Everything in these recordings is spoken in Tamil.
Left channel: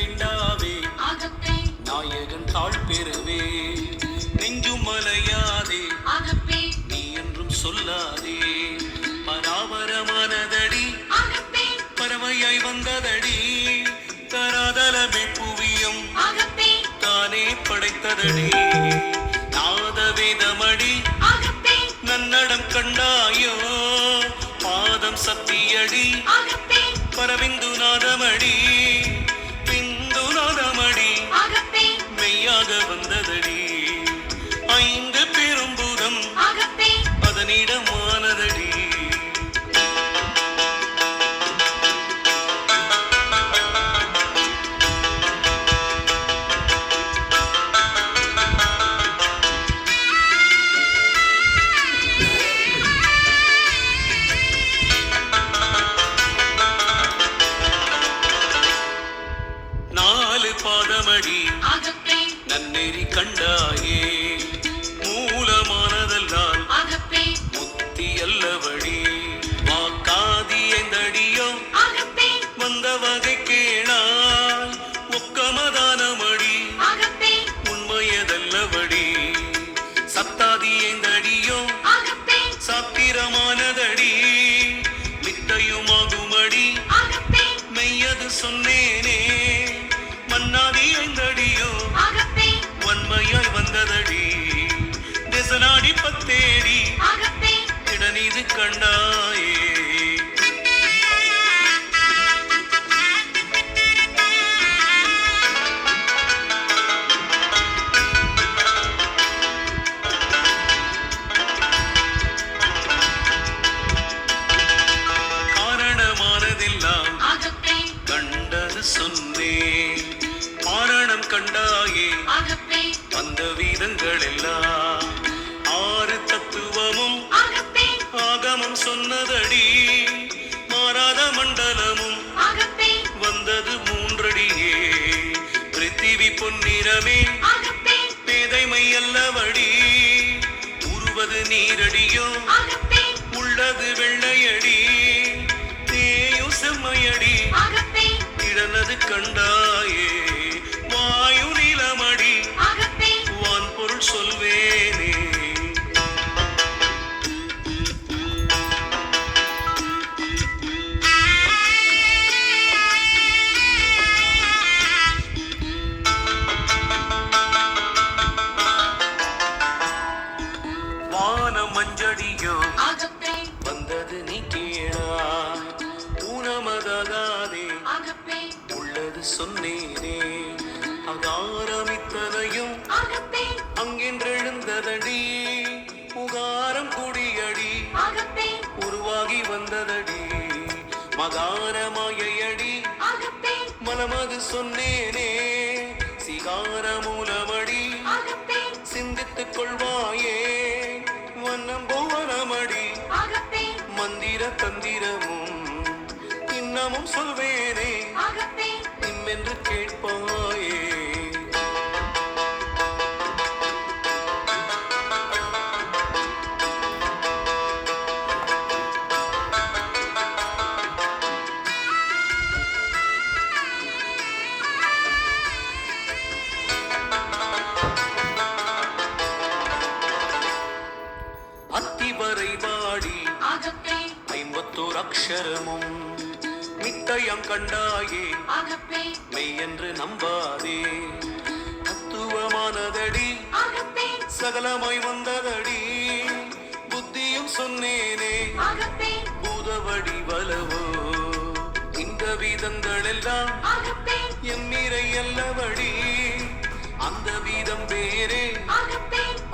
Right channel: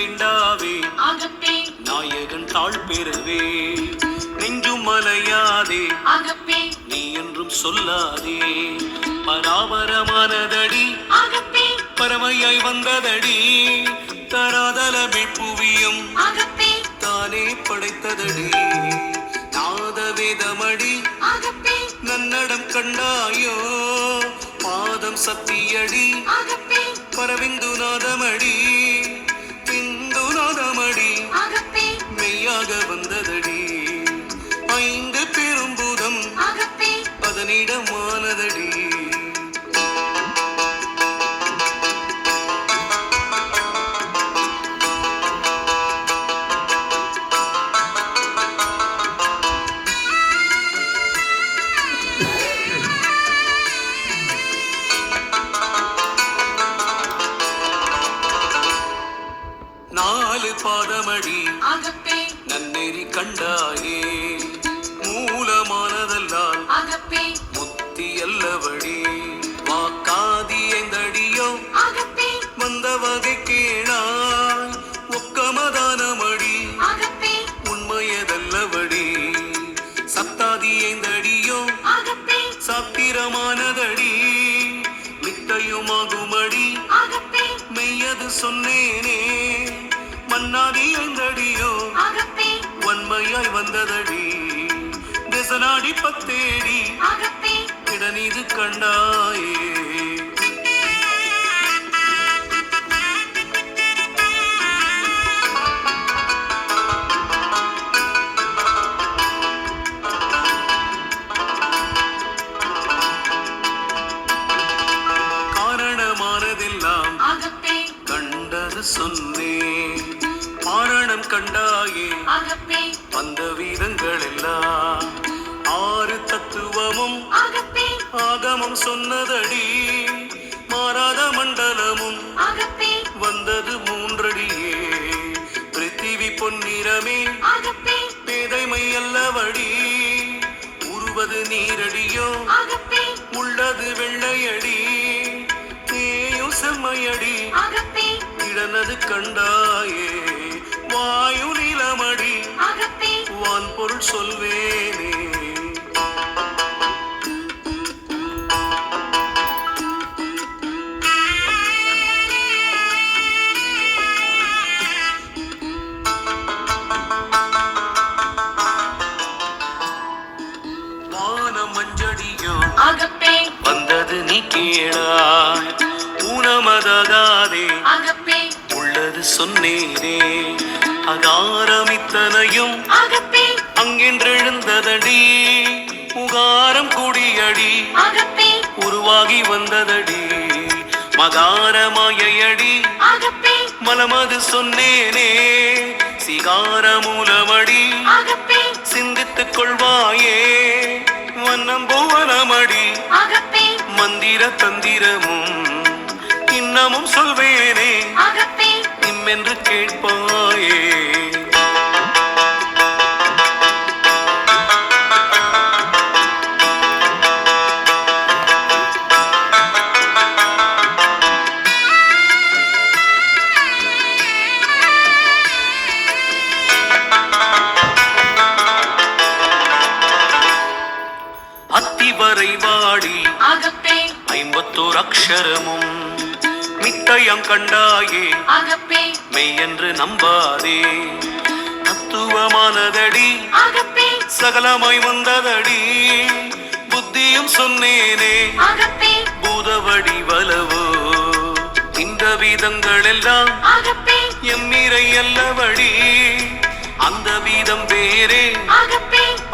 வேண்டாவே நாயகன் தாழ் பெறவே நெஞ்சும் மலையாதே நீ என்றும் சொல்லாதே பராபரமானதடி பறவையாய் வந்ததடி தராதலமே புவியும் தானே படைத்ததடி நாத வேதமடி நன்னடம் கண்டாயோ பாதம் சத்தியடி பரவிந்து நாதமடி பிந்து நாதமடி மெய்யாக வந்ததடி ஐந்து பெரும்பூதம் அதனிடமானதடி நாலு பாதமடி நன்னெறி கண்டாயே மூலமானதல்லால் முத்தி அல்லவடி வாக்காதி ஐந்தடியோ வந்த வகை கேளாய் ஒக்கமதானமடி உண்மையதல்லவடி சத்தாதி ஐந்தடியோ சாத்திரமானதடி மித்தையுமாகுமடி மெய்யது சொன்னேனே மன்னாதி ஐந்தடியோ வன்மையாய் வந்ததடி திசநாடி பத்தேடி இடநீது கண்டாயே காரணமானதெல்லாம் கண்டது சொன்னேன் மாரணம் கண்டாயே வந்த வீதங்கள் எல்லாம் ஆறு தத்துவமும் ஆகமம் சொன்னதடி மாறாத மண்டலமும் வந்தது மூன்றடியே பிருத்திவி பொன்னிறமே பேதைமை அல்லவடி உருவது நீரடியோ உள்ளது வெள்ளையடி தேயும் செம்மையடி இடனது கண்டாயே வாயு நீலமடி வான் பொருள் சொல்வேனே வானம் மஞ்சடியோ வந்தது நீ கேளாய் ஊனமதாகாதே உள்ளது சொன்னேனே அகாரமித்தனையும் அங்கென்றெழுந்ததடி உகாரம் கூடியடி உருவாகி வந்ததடி மகாரமாயடி மலமது சொன்னேனே சிகார மூலமடி சிந்தித்துக் கொள்வாயே வண்ணம் புவனமடி மந்திர தந்திரமும் இன்னமும் சொல்வேனே இம்மென்று கேட்பாயே அத்திவரை வாடி 51 அக்ஷரமும் மித்தையம் கண்டாயே மெய்யென்று நம்பாதே தத்துவமானதடி சகலமாய் வந்ததடி புத்தியும் சொன்னேனே பூதவடி வலவோ இந்த வீதங்கள் எல்லாம் எம்மிரை அல்லவடி அந்த வீதம் வேறே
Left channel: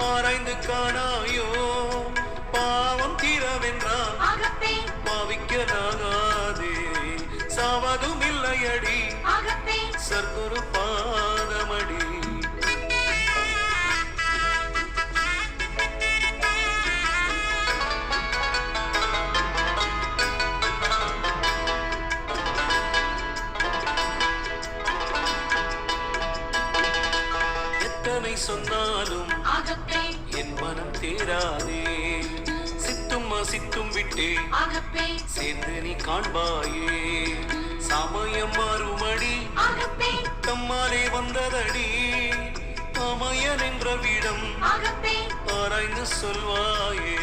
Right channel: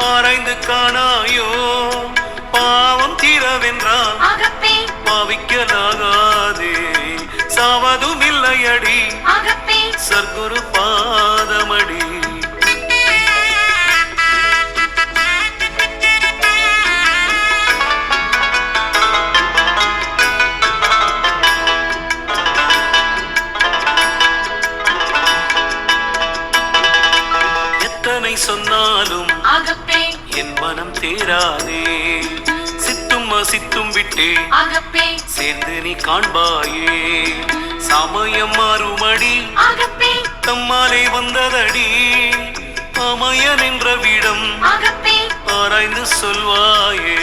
ஆராய்ந்து காணாயோ பாவம் தீரவென்றால் பாவிக்கலாகாதே சாவதும் இல்லையடி சர்க்குரு பாதமடி எத்தனை சொன்னாலும் என் மனம் தேராதே சித்தும் அசித்தும் விட்டே சேர்ந்து நீ காண்பாயே சமயம் மாறுமடி தம்மாலே வந்ததடி அமயன் என்ற விடம் ஆராய்ந்து சொல்வாயே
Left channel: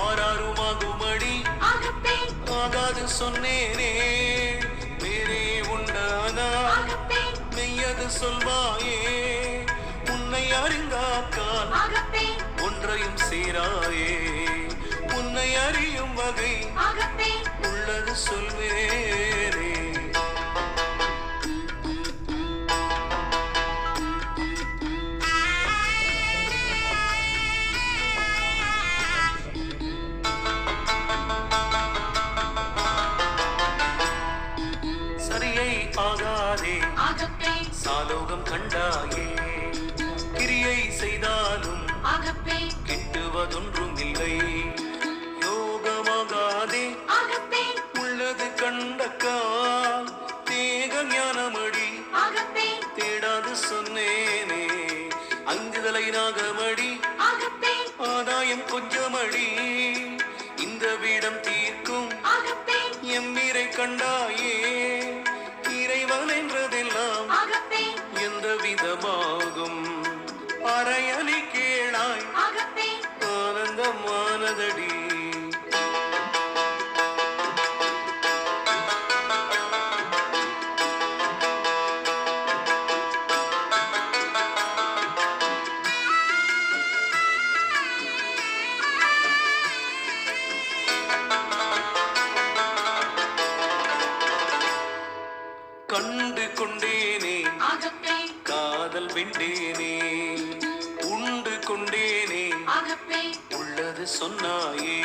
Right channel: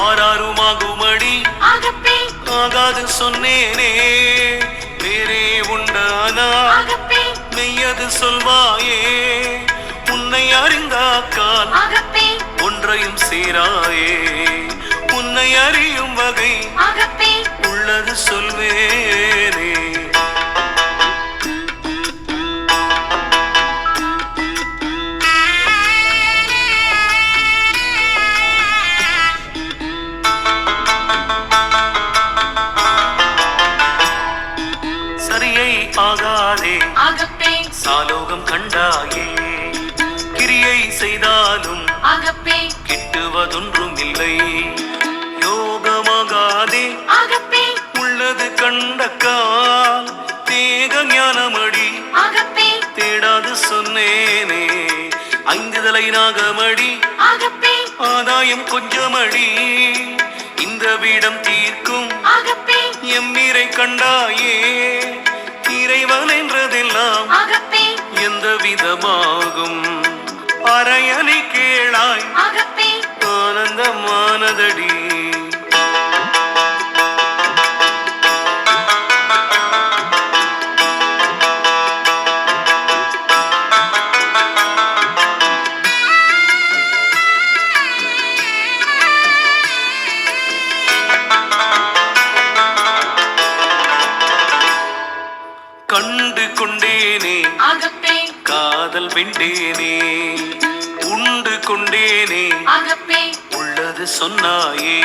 ஆறாருமாகுமடி ஆகாது சொன்னேனே வேறே உண்டானா மெய்யது சொல்வாயே உன்னை அறிந்தாக்கால் ஒன்றையும் சேராயே உன்னை அறியும் வகை உள்ளது சொல்வேனே சரியை ஆகாதே சாலோகம் கண்டாயே கிரியை செய்தாலும் கிட்டுவதொன்றும் இல்லை யோகமாகாதே உள்ளது கண்டக்கால் தேக ஞானமடி தேடாது சொன்னேனே ஐந்துதலை நாகமடி ஆதாயம் கொஞ்சமடி இந்த வீடம் தீர்க்கும் எம்மீரை கண்டாயே இறைவன் என்றதெல்லாம் எந்த விதமாகும் அரையனை கேளாய் ஆனந்தமானதடி கண்டு கொண்டேனே காதல் வெண்டேனே உண்டு கொண்டேனே உள்ளது சொன்னாயே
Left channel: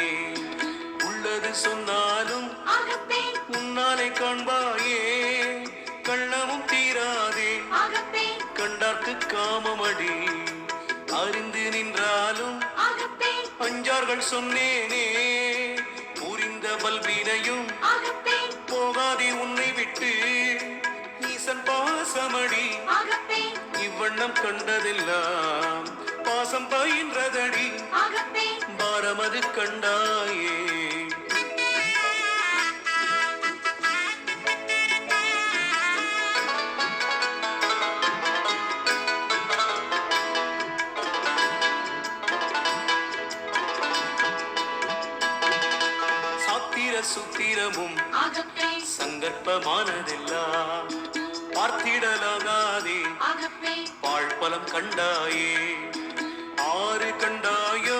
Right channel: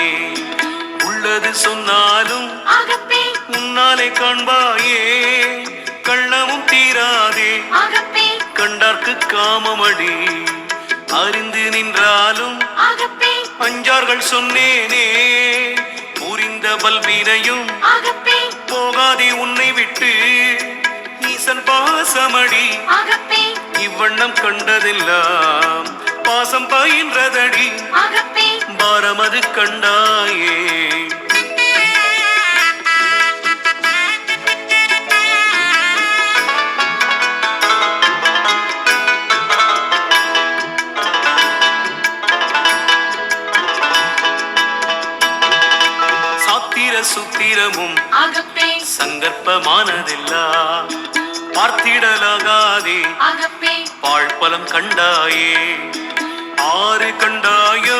உள்ளது சொன்னாலும் உன்னாலே காண்பாயே கள்ளமும் தீராதே கண்டார்க்கு காமமடி அறிந்து நின்றாலும் அஞ்சார்கள் சொன்னேனே புரிந்த பல்வினையும் போகாதே உன்னை விட்டு ஈசன் பாசமடி இவ்வண்ணம் கண்டதெல்லாம் பாசம் பயின்றதடி பாரமது கண்டாயே சாத்திர சுத்திரமும் சங்கற்பமானதெல்லாம் பார்த்திடலாகாதே பாழ்பலம் கண்டாயே ஆறு கண்டாயோ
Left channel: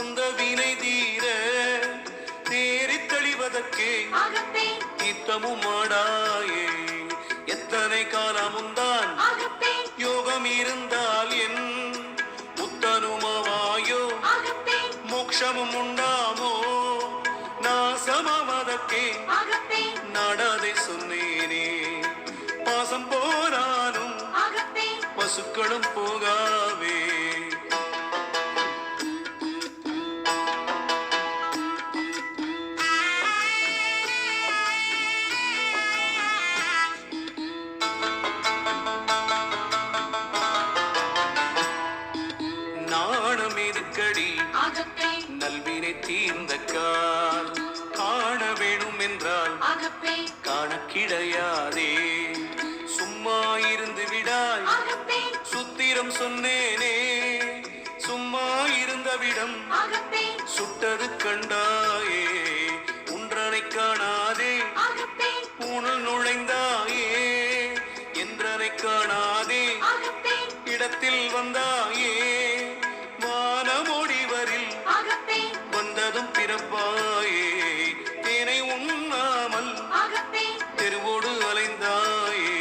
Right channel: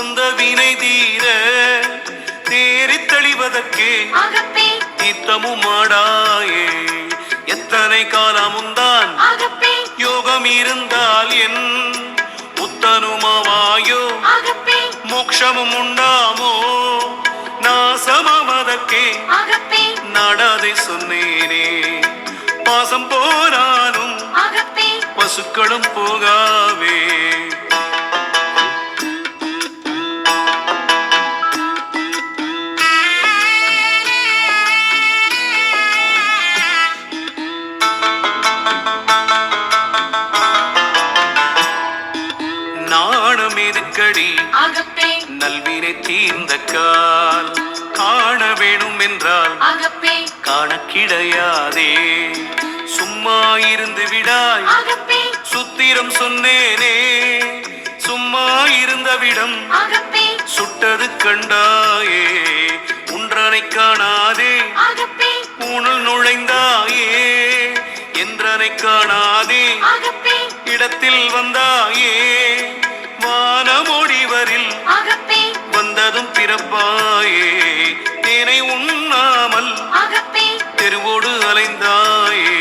அந்த வினை தீர தேறித் தெளிவதற்கே நித்தமும் ஆடாயே எத்தனை காலமுந்தான் யோகம் இருந்தால் என் புத்தனுமாவாயோ மோட்சமும் உண்டாமோ நாசமாவதற்கே நாடாதை சொன்னேனே பாசம் போனாலும் பசுக்களும் போகாவே நாணம் எதுக்கடி நல்வினை தீர்ந்த கால் காண வேணும் என்றால் காண கிடையாதே சும்மா இருந்து விடாய் சுத்திரம் சொன்னேனே சும்மா இருந்த விடம் சுட்டது கண்டாயே உன்றனை காணாதே ஊனல் நுழைந்தாயே என்றனை காணாதே இடத்தில் வந்தாயே வானமோடிவரில் வந்ததும் பிறப்பாயே தேனை உண்ணாமல் தெருவோடு அலைந்தாயே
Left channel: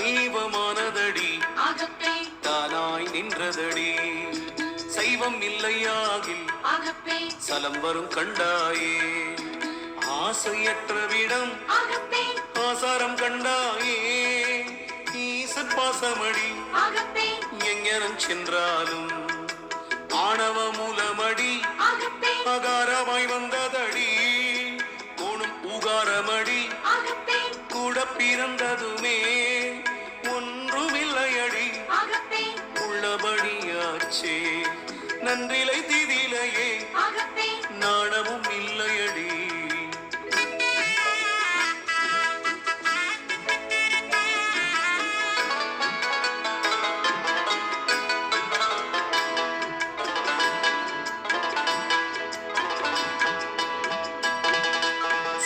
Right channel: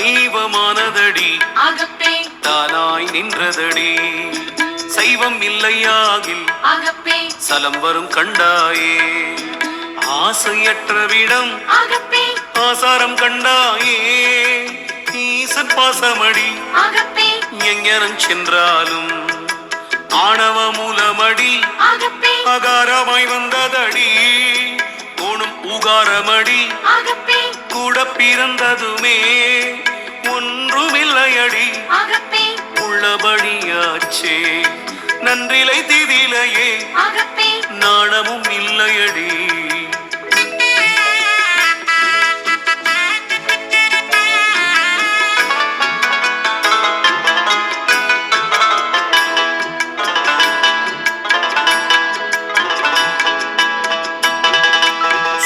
சைவமானதடி தானாய் நின்றதடி சைவம் இல்லையாகில் சலம் வரும் கண்டாயே ஆசையற்ற விடம் ஆசாரம் கண்டாயே ஈசன் பாசமடி எங்கனம் சென்றாலும் ஆணவ மூலமடி அகாரமாய் வந்ததடி கோணும் உகாரமடி கூட பிறந்ததுமே ஒன்றுமில்லையடி உள்ளபடியாச்சே நன்றிலை திதிலையே நாணமும் இல்லையடி.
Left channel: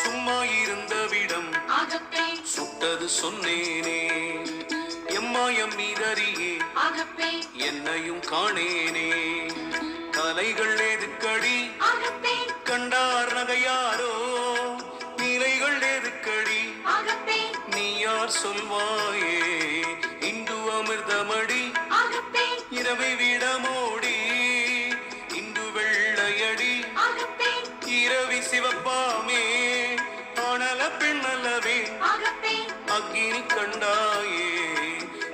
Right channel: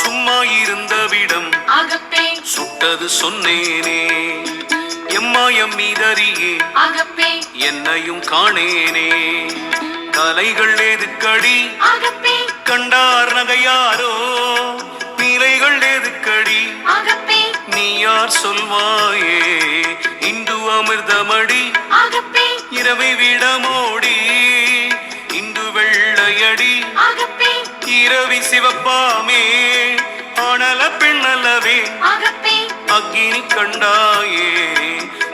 சும்மா இருந்த விடம் சுட்டது சொன்னேனே எம்மாயம் மீதறியே என்னையும் காணேனே கலைகள் எதுக்கடி கண்டார் நகையாரோ நீலைகள் எதுக்கடி நீ யார் சொல்வாயே இன்று அமிர்தமடி இரவை விடமோடி இன்று வெள்ளையடி இரவி சிவப்பாமே ஆனல பெண்ணல்லவே அக்கினி கண்டாயே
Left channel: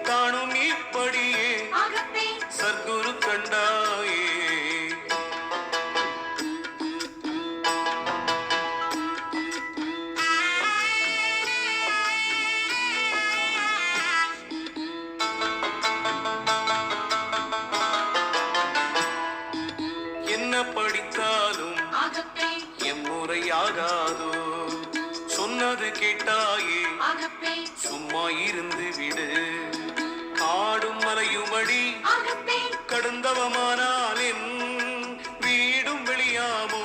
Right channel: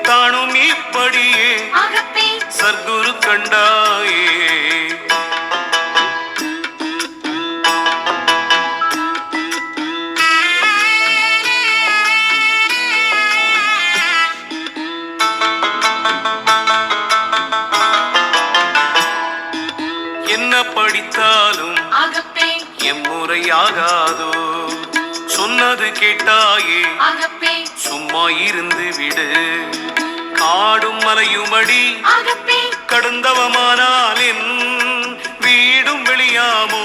தானும் இப்படியே சர்க்குரு கண்டாயே. என்ன படித்தாலும் எம்முறையாகாதோ சொன்னது கேட்டாயே சும்மா இருந்து விடு காடும் மலையுமடி கடந்தவமானால் என் வீடும் வெளியாமோ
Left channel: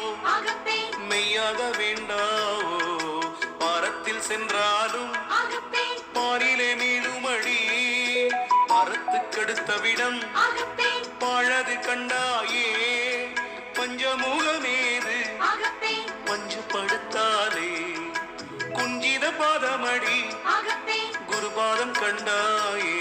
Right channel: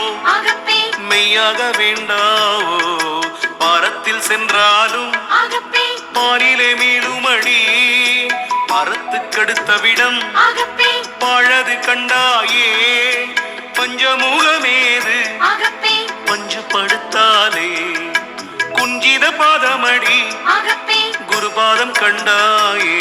மெய்யாக வேண்டாவோ பாரத்தில் சென்றாலும் பாரிலே மீளுமடி மரத்துக்கடுத்த விடம் பழது கண்டாயே பஞ்சமுகமேது பஞ்சப்படுத்தாலே குஞ்சித பாதமடி குருபாதம் கண்டாயே.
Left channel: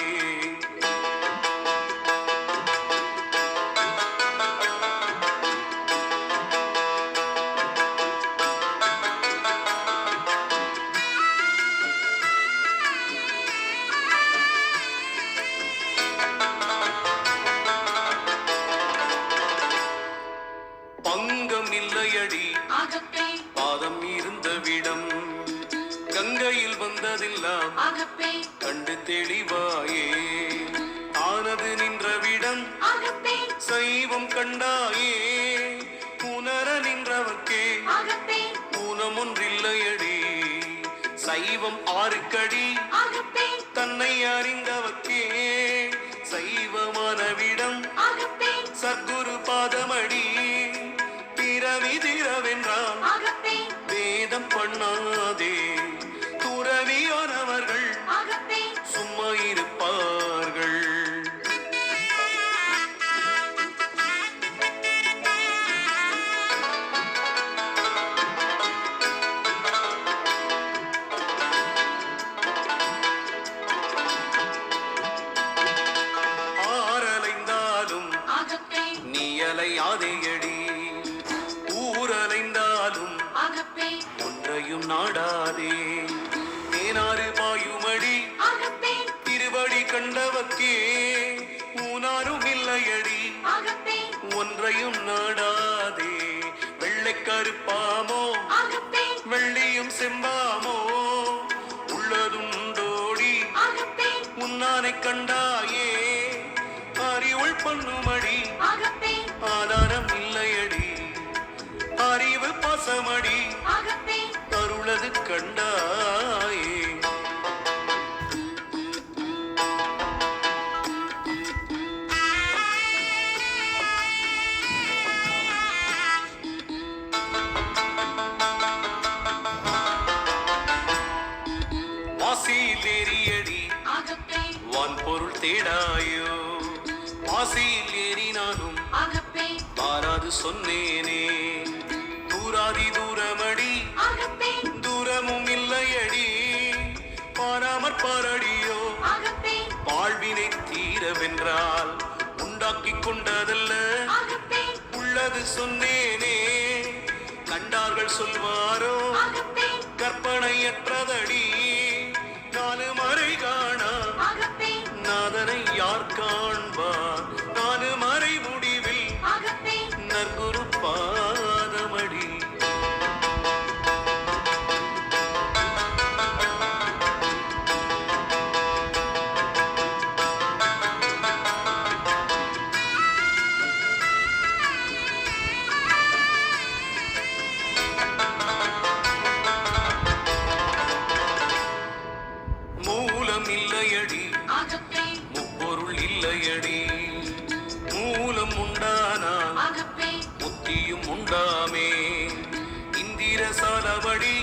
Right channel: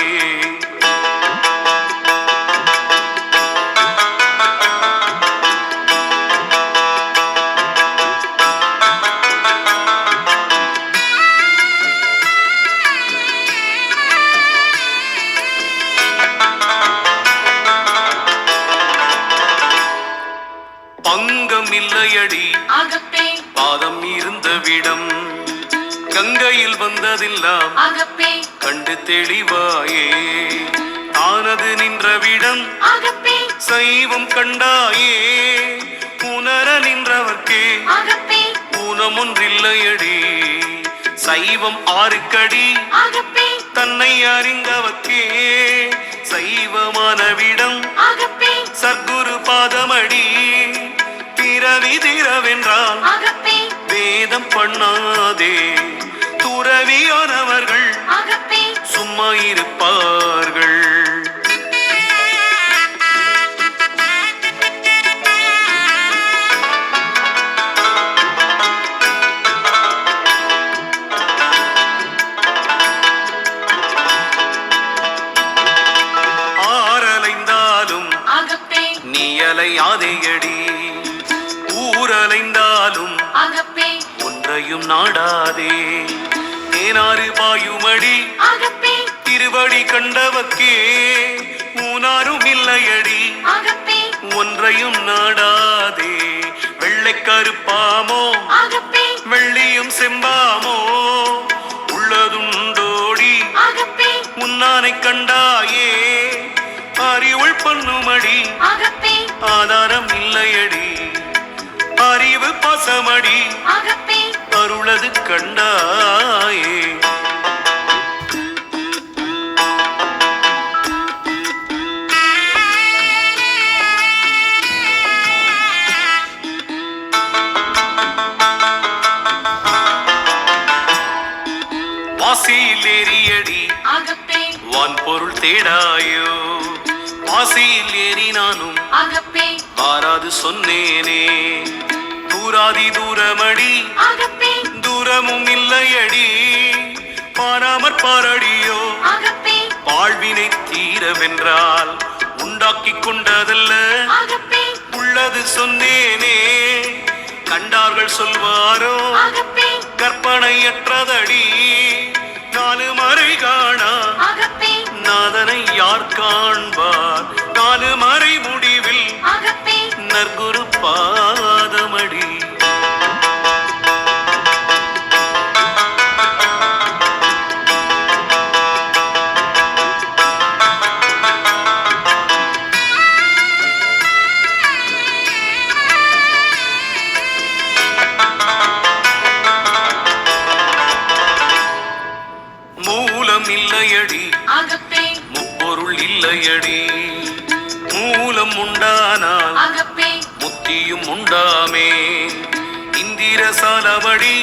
பங்கம் இல்லையடி பாதம் இருந்த விடம் கங்கையில் வந்ததெல்லாம் கண்டு தெளிவாயே ஆனது நின்ற விடம் சைவம் கண்டாயே உணர நின்றவர்க்கே ஊனமொன்றில்லையடி சைவம் ஆறுக்கடி தன்னை அறிந்தவர்க்கே சைவமான விடம் சர்க்குரு பாதமடி பிறவி திரவென்றால் வேதம் பண்ணாதே துறவியானவர்கள் சும்மா இருப்பார்கள். ஆரலைந்தாலும் நீ அலையாதேயடி ஊரலைந்தாலும் ஒன்றையும் நாடாதே தேனாறு பாயுமடி திருவடி கண்டவக்கே ஊனாரும் இல்லையடி ஒன்றையும் நாடாதே வெள்ளை கருப்பாமோ வெள்ளியும் செம்பாமோ உள்ளதுண்டோடி உன்னானை கண்டாயே அறிவுள் பண்ணுமடி ஆதாரம் இல்லையடி அறிவு பாசமடி அருளது கண்டாயே. வாசியில் ஏறியடி வான் பொருள் தேடாயோ வாசியில் ஏறி நானும் வாராது சொன்னேனே தூராதி தூரமடி தூரமும் இல்லையடி பாராமற் பாரடியோ வாழ்வினை தீரவென்றால் உண்டாக்கிக் கொண்டதல்ல உள்ளது சொன்னேனே கண்டார்கள் சொல்வாரோ கற்பனையற்றதடி நாலு மறை காணா நாதனை யார் காண்பார் நாலு மறை முடிவில் நற்குரு பாத இல்லையடி. மூலம் உண்டானால் முத்தியும் உண்டாமே. இந்திர சாலபடி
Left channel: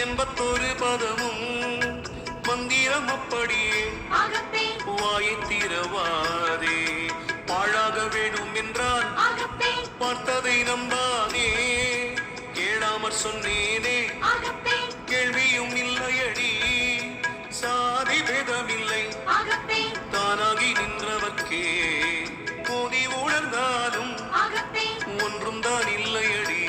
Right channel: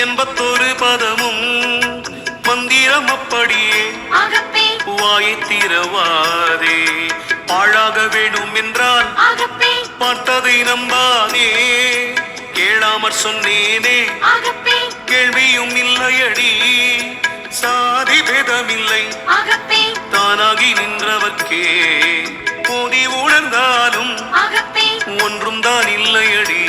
81 பதமும் மந்திரம் அப்படியே வாயை திறவாதே. பாழாக வேணும் என்றால் பார்த்ததை நம்பாதே. கேளாமற் சொன்னேனே கேள்வியும் இல்லையடி. சாதி பேதமில்லை தானாகி நின்றவர்க்கே. போதி உணர்ந்தாலும் ஒன்றும் தான் இல்லையடி.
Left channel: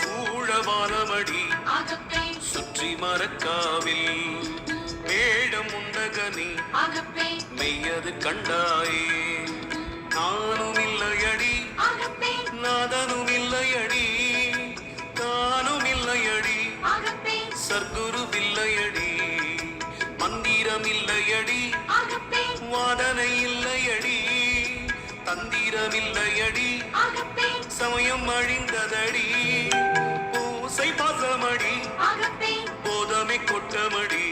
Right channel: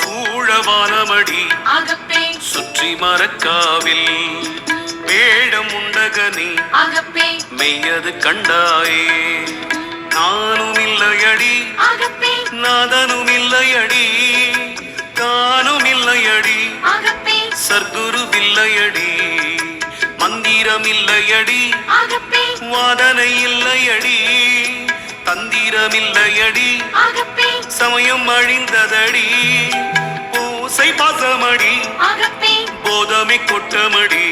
சூழவானமடி சுற்றி மரக்காவில் வேடம் உண்டகனே மெய்யது கண்டாயே. நானும் இல்லையடி நாதனும் இல்லையடி. காணும் இல்லையடி சர்க்குரு இல்லையடி. மந்திரம் இல்லையடி வாதனை இல்லையடி. தந்திரம் இல்லையடி சமயம் அழிந்ததடி. பூசை பாசமடி போதமை கொட்டமடி.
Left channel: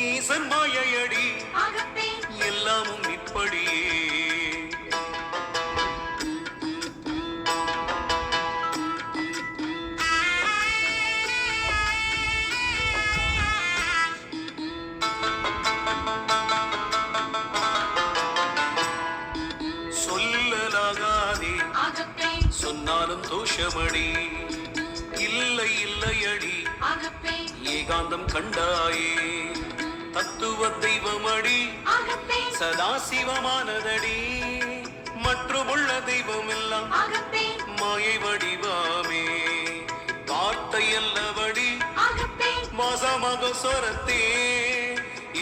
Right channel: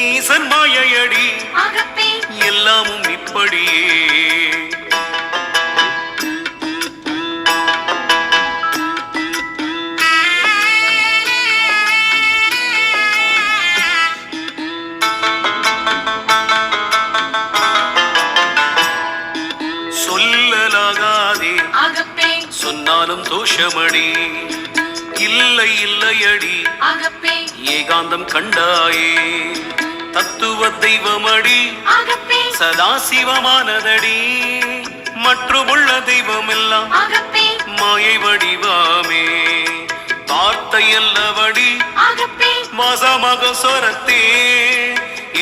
ஈசன் மாயையடி எல்லாமும் இப்படியே. சொல்லலாகாதே சொன்னாலும் தோஷமடி. இல்லை இல்லையடி ஏகாந்தம் கண்டாயே. தத்துவ தெய்வமடி சதாசிவமானதடி. மற்றுமுள்ள தெய்வம் எல்லாம் மாயை வடிவாமே. வார்த்தை அல்லவடி வாசமாக சொரத்தே.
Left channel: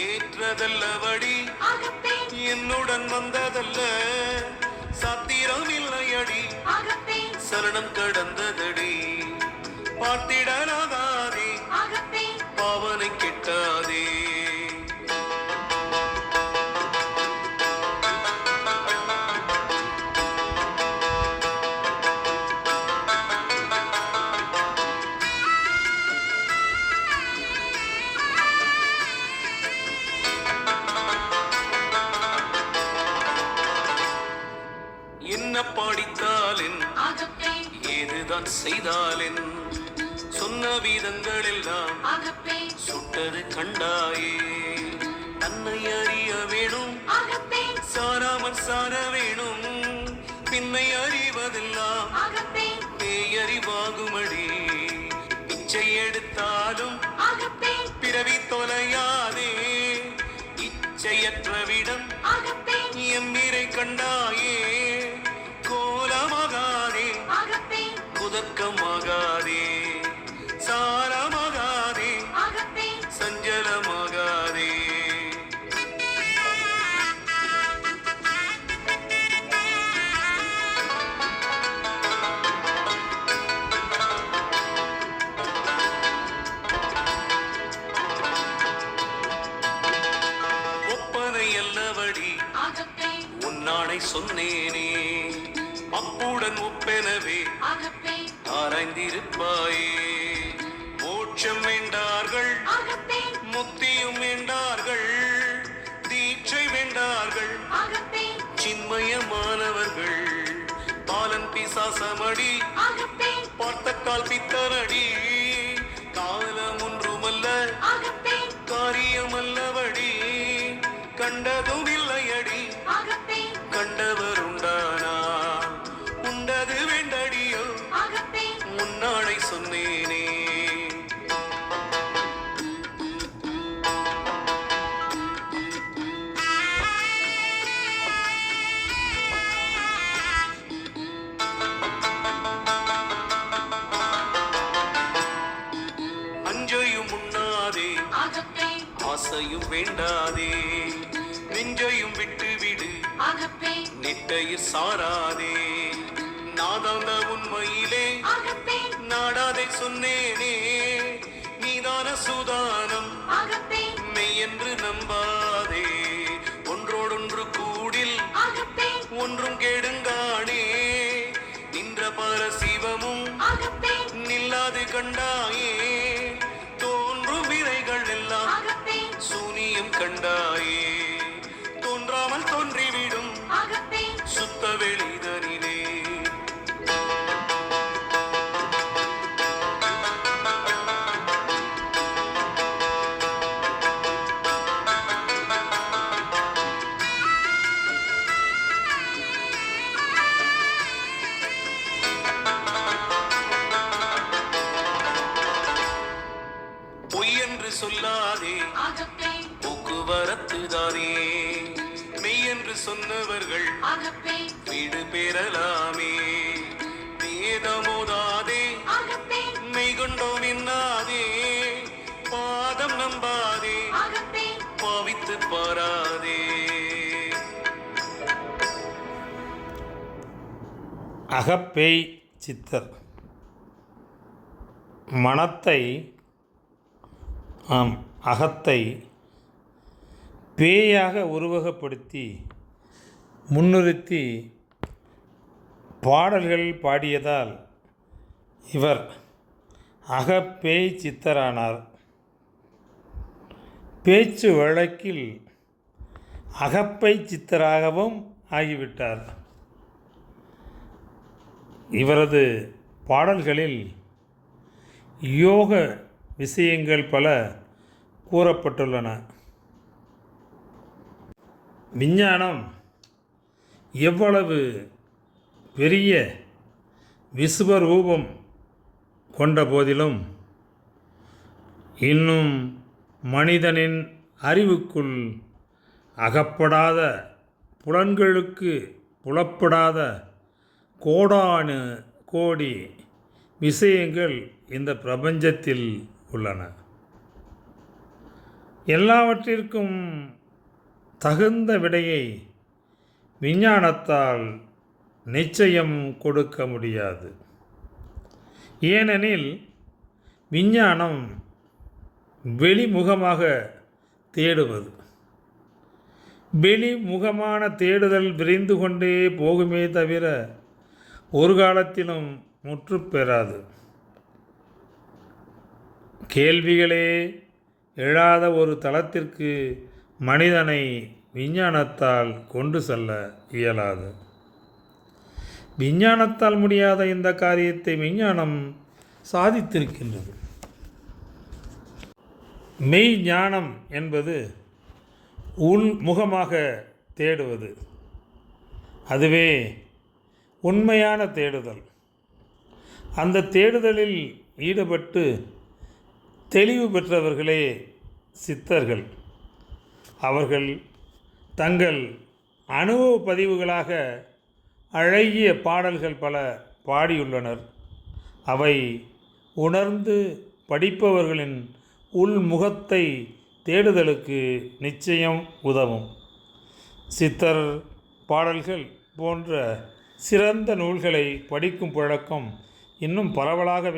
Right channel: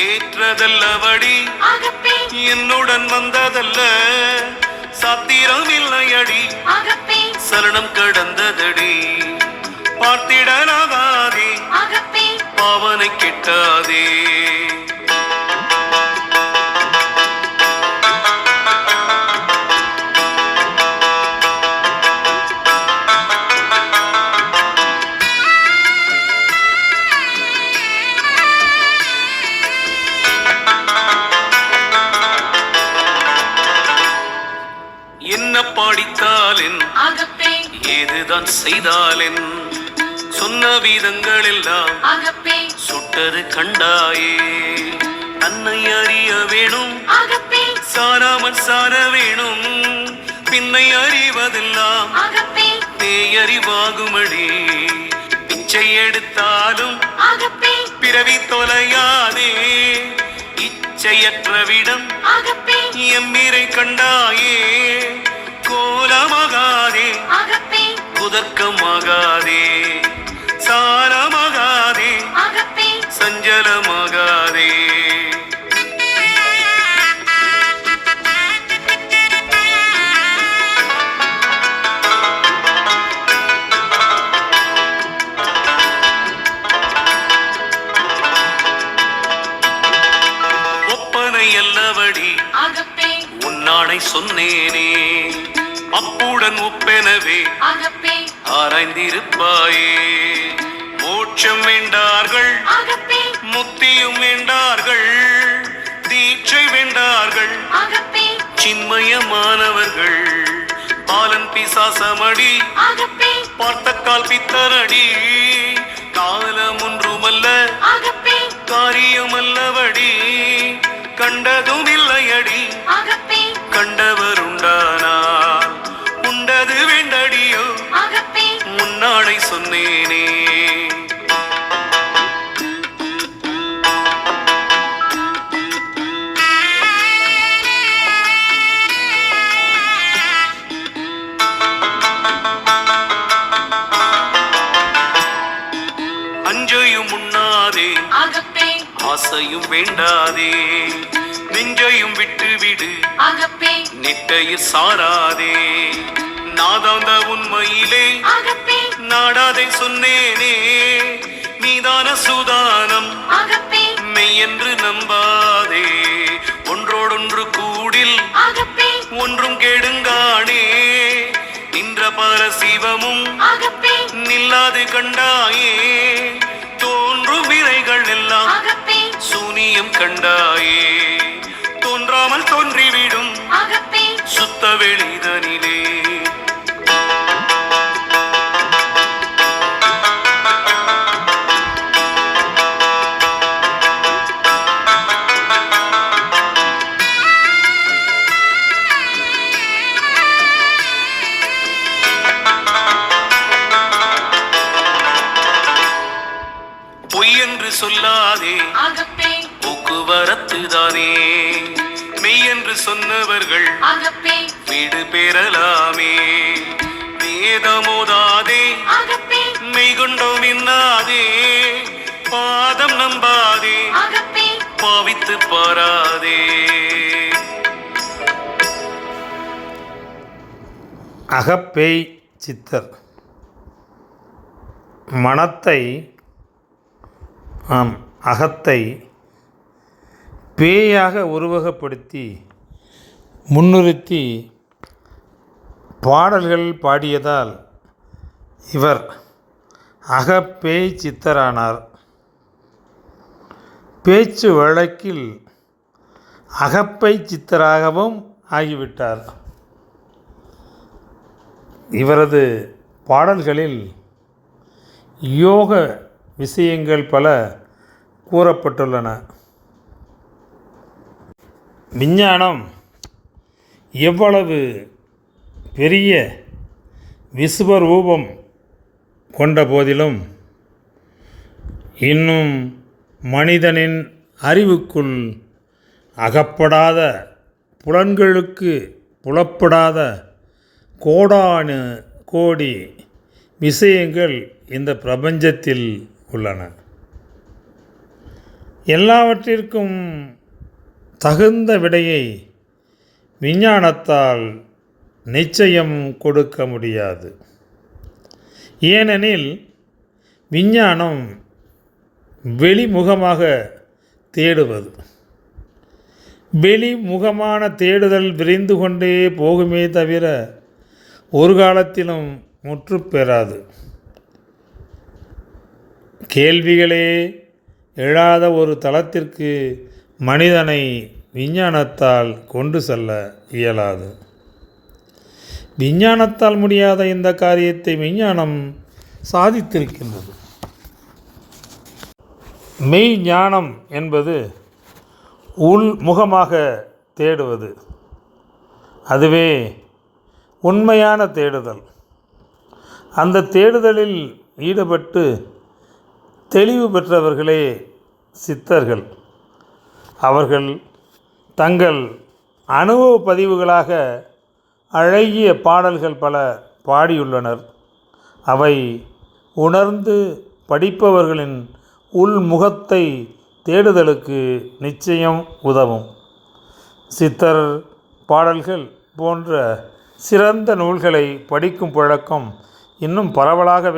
ஏற்றதல்லவடி என்னுடன் வந்ததல்ல. சாத்திரம் இல்லையடி சரணம் கடந்ததடி. பார்த்திடலாகாதே பாவனை கெட்டாதே. என்ன பாடித்தாலின் ஏதுதான் செய்தாலின் சொன்ன வீதங்கள் எல்லாம் சுட்டது கண்டாயே. தன்னை அறிய வேணும் சாராமல் சார வேணும். பின்னை அறிவதெல்லாம் பேயறிவாகுமடி. பிச்சை எடுத்தாலும் பிறவி தொலையாதே. இச்சையற்றவிடம் எம்மிரை கண்டாயே. கோலமாகாதே குதர்க்கமாகாதே. சாரமாகாதே சஞ்சலமாகாதே. ஒப்பனை அல்லவடி உன்னாடை சொன்னேனே. அப்புடன் ஒப்பெனவே ஆராய்ந்திருப்பாயே. மோட்சம் வேண்டார்கள் முக்தியும் வேண்டார்கள். தீட்சை வேண்டார்கள் சின்மயமானவர்கள். பாலன் பிசாசமடி பார்த்த கால் பித்தரடி. காலம் ஒன்றுமல்ல காரியமல்லவடி. கண்டதும் இல்லையடி கண்டவருண்டானால் உண்டது வேண்டடியோ. முன்னாடை சொன்னேனே அஞ்சையும் உண்ணாதே ஆசையும் வேண்டாதே. நெஞ்சையும் விட்டு விடு நிட்டையில் சாராதே. நாதாந்த உண்மையிலே நாடாதை சொன்னேனே. நீதான சுதானம் மெய்யென்று நம்பாதே. ஒன்று இல்லாது கண்டாயே தோன்றும் வினைகள் எல்லாம் சூனியம் கண்டாயே தோன்றாமல் தோன்றிவிடும் சுத்த வெளிதனிலே பொய் என்று சொல்லாதே போக்குவரத்து தானே மெய் என்று சொன்னவர்கள் வீடு பெறலாமே வேதமோதாதே மெய் கொண்டோம் என்னாதே பாதம் நம்பாதே பாவித்து பாராதே. அகப்பேய் சித்தர் மனத்தை அகத்தை பேயாக உருவகப்படுத்தி முன்னிறுத்தி பாடல்கள் பாடியதால் இவர் அகப்பேய் சித்தரானார். பேச்சு வழக்கில் அகப்பை சித்தராகவும் ஆகிவிட்டார். இவரது பாடல்களில் யோக விஷயங்கள் பல கூறப்பட்டுள்ளன. விஞ்ஞானம் எவ்வளவு பெரிய விஸ்வரூபம் கொண்ட போதிலும் இன்னும் மனிதனின் அறிவுக்குள் அகப்படாத புலன்களுக்கு புலப்படாத கோடானு கோடி விஷயங்கள் இந்த பிரபஞ்சத்தில் உள்ளன. எல்லாவற்றிற்கும் தகுந்த விடையை விஞ்ஞானத்தால் நிச்சயம் கொடுக்க முடியாது. ஏனெனில் விஞ்ஞானம் வெளிமுகமாக தேடுவது. வெளிமுகமான தேடுதல் விரைந்து கொண்டே போகுமே தவிர ஒரு காலத்திலும் முற்று பெறாது. கேள்விகளே எழாத ஒரு தளத்திற்கு மனிதனை விஞ்ஞானத்தால் கொண்டு செல்ல இயலாது. விஞ்ஞானத்தால் முடியாத இந்த காரியத்தை விஞ்ஞானம் சாதித்திருக்கின்றது. மெய் ஞானம் என்பது உள்முகமாக தேடுவது. அதுவே உண்மையான தேடுதல். அந்த தேடுதலில் ஈடுபட்டு தெளிவு பெற்றவர்களே சித்தர்கள். அவர்கள் தங்கள் அனுபவ பதிவுகளாக அழகிய பாடல்கள் பல பாடியுள்ளனர். அவை உணர்ந்து படிப்பவர்களின் உள்முகத்தை தேடுதலுக்கு நிச்சயம் உதவும். சித்தர் பாடல்கள் போன்ற சிறந்த நூல்களை படிக்கும் பழக்கம் இன்னும் பரவலாக